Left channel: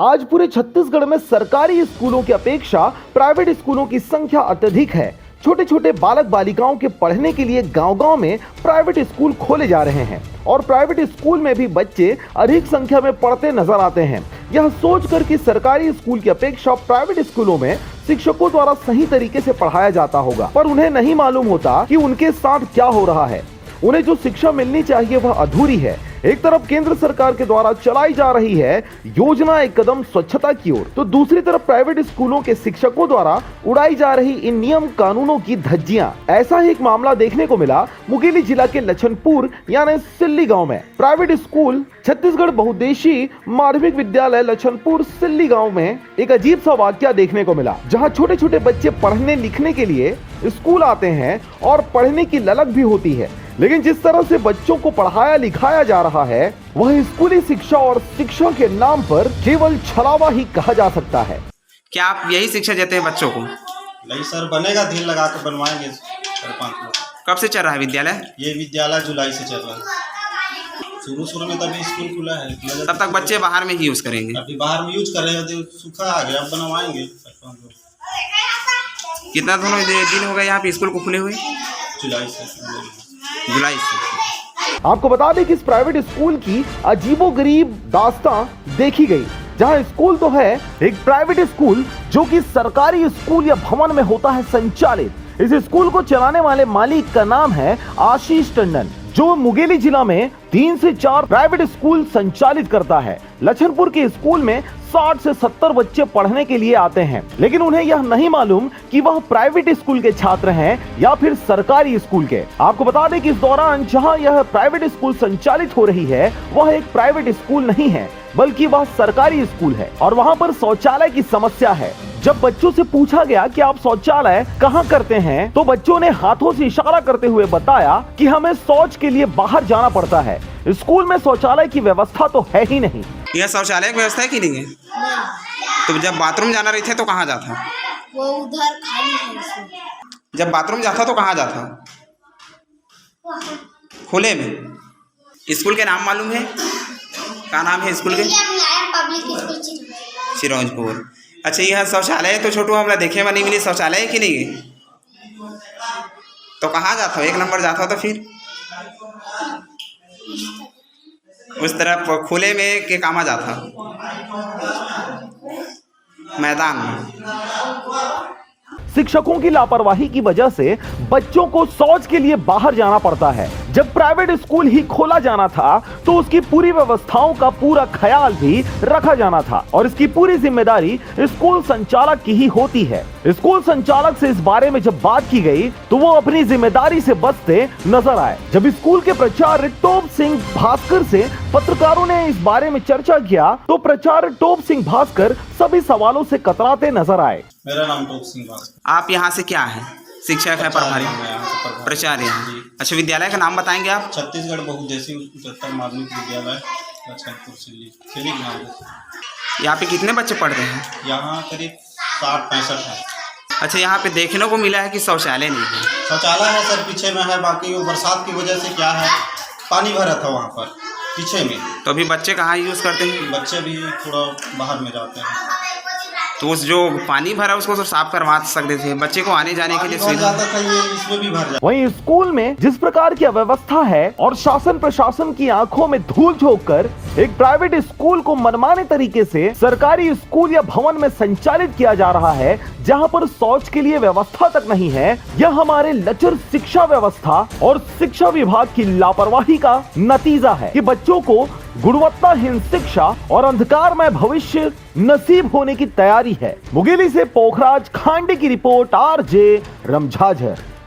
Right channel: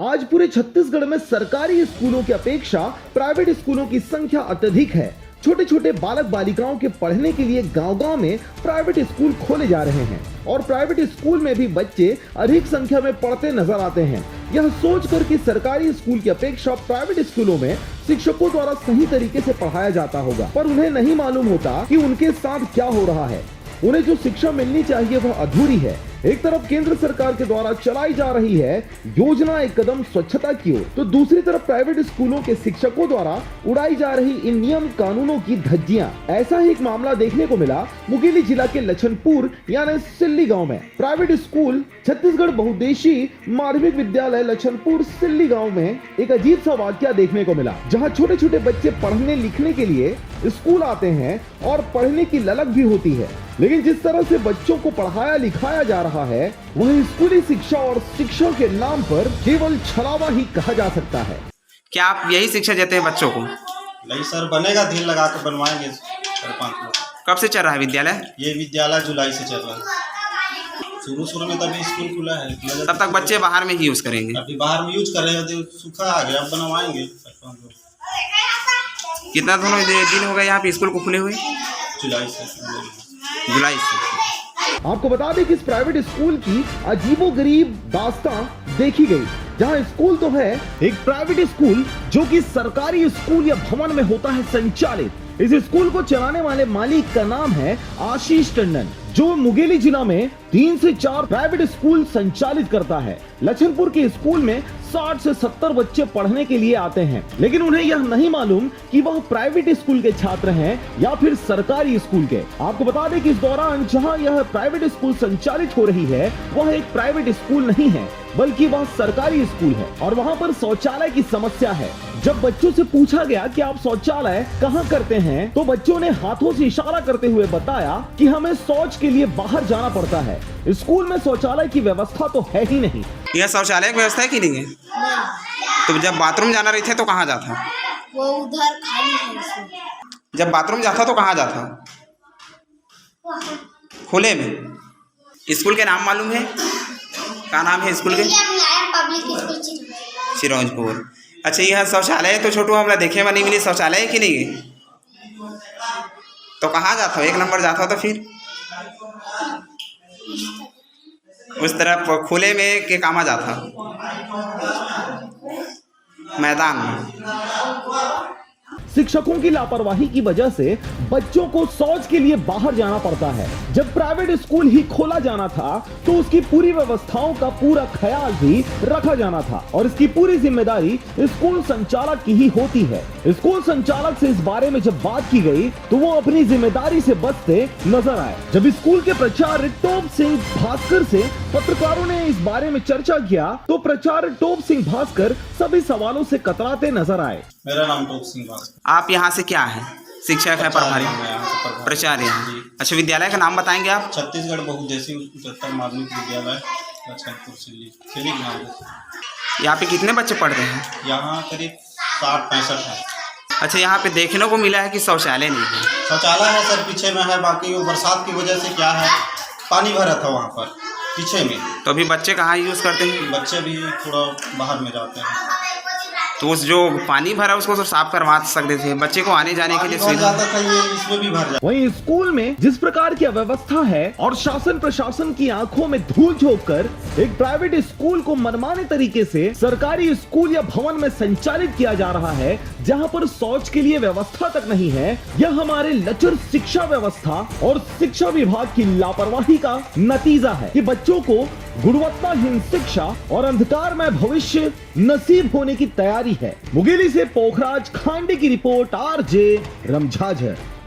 आज पूरे छत्तीसगढ़ में सरकारी स्कूलों की अपेक्षा प्राइवेट स्कूलों की संख्या अत्यधिक है। छोटे छोटे बालक बालिकाओं के पढ़ने के लिए गांव-गांव में प्राइवेट स्कूल खोले जा रहे हैं और प्राइवेट स्कूल में भी बच्चे अधिक संख्या में पढ़ते नजर आते हैं। यह सोचकर कि सरकारी स्कूल की अपेक्षा प्राइवेट स्कूलों में शिक्षकों द्वारा सही तरीके से पढ़ाया जाता होगा, पर उन्हें नहीं मालूम होता कि उनके साथ क्या हो रहा है। उन्हें जो शिक्षा मिलनी चाहिए वह अधूरी है। एक तरफ केंद्र सरकार के द्वारा चलाई जा रही है योजना एक कदम स्वच्छता की ओर, तो दूसरी तरफ प्राइवेट स्कूलों के शिक्षकों द्वारा उड़ाई जा रही इन नियम कानूनों की धज्जियां। ऐसा ही एक मामला देखने को मिला मुंगेली जिला के लछनपुर यानी सिल्ली गांव में। प्राइवेट स्कूल छत्तीसगढ़ बहुउद्देशीय माध्यमिक विद्यालय लछनपुर सिल्ली गांव में एक अजीब सा वाकया देखने को मिला, जहां छोटे छोटे बच्चे पढ़ने लिखने के लिए स्कूल आते हैं और पढ़ने की ललक भी होती है, लेकिन जिस तरह से बच्चों को पढ़ाया लिखाया जा रहा है वह स्कूली शिक्षा और शिक्षा के नाम पर केवल छलावा ही कहा जा सकता है। क्या आप यही शिक्षा देते हैं बच्चों को? नहीं सर, बनेगा, दिल लगा कर बनवाएंगे 4-5 लोग। कब से चल रहा है विद्यालय? ये विद्यालय जुलाई से चल रहा है। शुरू में तभी स्कूल खुला है, तब तक बच्चे बाहर में ही यूज करेंगे। अभी बाहर में यूज कर रहे हैं, सूखा आ गया, अब बनवाएंगे 4-5 लोग। कितना दिन हो गए यहाँ पे स्कूल को खुले हुए? जुलाई से। आपको बता दें कि इस प्राइवेट स्कूल की अजीबोगरीब दास्तां देखी गई, जहां स्कूल तो है एक प्राइवेट स्कूल जो कि सरकारी स्कूल या भवन में होता है संचालित। इस स्कूल को चलाने वाले मालिक का नाम है आशीष टंडन, जो मुंगेली जिला में 3 से 4 प्राइवेट स्कूल संचालित करता है। लछनपुर के स्कूल में 60 से 70 बच्चे पढ़ने के लिए आते हैं, लेकिन उन्हें यह नहीं मालूम कि वह प्राइवेट स्कूल के छात्र हैं या फिर सरकारी स्कूल के। आपको बता दें कि इस दौरान जहां यह प्राइवेट स्कूल संचालित हो रही है वह एक प्राइवेट स्कूल नहीं है बल्कि वह सरकारी स्कूल है और वहां पर शौचालय की समस्या है। जब बच्चों से पूछा गया कि आप शौचालय कहां करते हैं, तो बच्चों ने हाथों से इशारा करते हुए बताया कि हमें शौच के लिए बाहर जाना पड़ता है। स्कूल में शौचालय की व्यवस्था तो है ही नहीं। यह शौचालय की व्यवस्था है कि नहीं है? तो जब बाथरूम जाना रही थे तो कहाँ जाता? वो उधर खाली है। जब बाथरूम जाता तो कहाँ जाता? खुले में। स्कूल के नाम मालूम है? क्या नाम है स्कूल के? चिरौंजपुर। अच्छा, यह शौचालय तो छोटू हमला देखे में नहीं मिली, शौचालय कि नहीं? तो कहाँ जाता हो? 1 नंबर जाता हो तो फिर उस तरफ खुले में के कामा जाता मैदान में। शिक्षकों की लापरवाही की वजह से बच्चों को शौच के लिए बाहर जाना पड़ता है। जब प्राइवेट स्कूल ही खोला जाना था तो उसकी पूरी व्यवस्थाओं का पूरा ख्याल भी रखा जाना था और इसकी पूरी जिम्मेदारी स्कूल संचालक की ही होती है। स्कूल संचालक से इस बारे में जब बात की गई तो वो अपनी जिम्मेदारी से बचते नजर आए। जब स्कूल के प्राचार्य टोप सिंह भास्कर से पत्रकारों ने इस बारे में चर्चा किया तो प्राचार्य टोप सिंह भास्कर सभी सवालों से कतराते नजर आए। मेरा नाम टोप सिंह भास्कर। आप यहाँ से क्या है? शिक्षक है, प्रभारी, प्राचार्य। अच्छा, विद्यालय का नाम बताएंगे आप? छत्तीसगढ़ बहुउद्देशीय उच्चतर माध्यमिक विद्यालय लछनपुर सिल्ली गाँव। यहाँ पे कितने बच्चे पढ़ते हैं? यहाँ करीब 60-65 है। अच्छा, यहाँ पे देखने को मिला है कि शौचालय नहीं है। शौचालय है सर, पीछे में है, बाकी वो बरसात की वजह से क्या है, पानी भरा था वहाँ पर पीछे में। तो अभी बच्चे कहाँ यूज़ करते हैं? बच्चे भी थोड़ा बाहर में जाते हैं, तो उस जो पानी भरा उसको तो साफ करवा सकते थे, बच्चे को आने जाने के लिए सुविधा। इसमें भी भर जाता। वहीं स्कूल में जिस प्रकार की अव्यवस्था है और शासन प्रशासन की आंखों में धूल झोंक कर एक प्राइवेट स्कूल को मनमाने तरीके से सरकारी स्कूल या भवन में संचालित किया जा रहा है, जहां पर शौच के लिए व्यवस्था तक नहीं है, यह हमारे लचर शिक्षा व्यवस्था और शिक्षा विभाग की लापरवाही का नतीजा है कि बच्चों को गुणवत्ताहीन शिक्षा और अंधकारमय भविष्य नसीब होने की तैयारी है। मुंगेली से पोखराज खांडे की रिपोर्ट, RJ रमझाझर।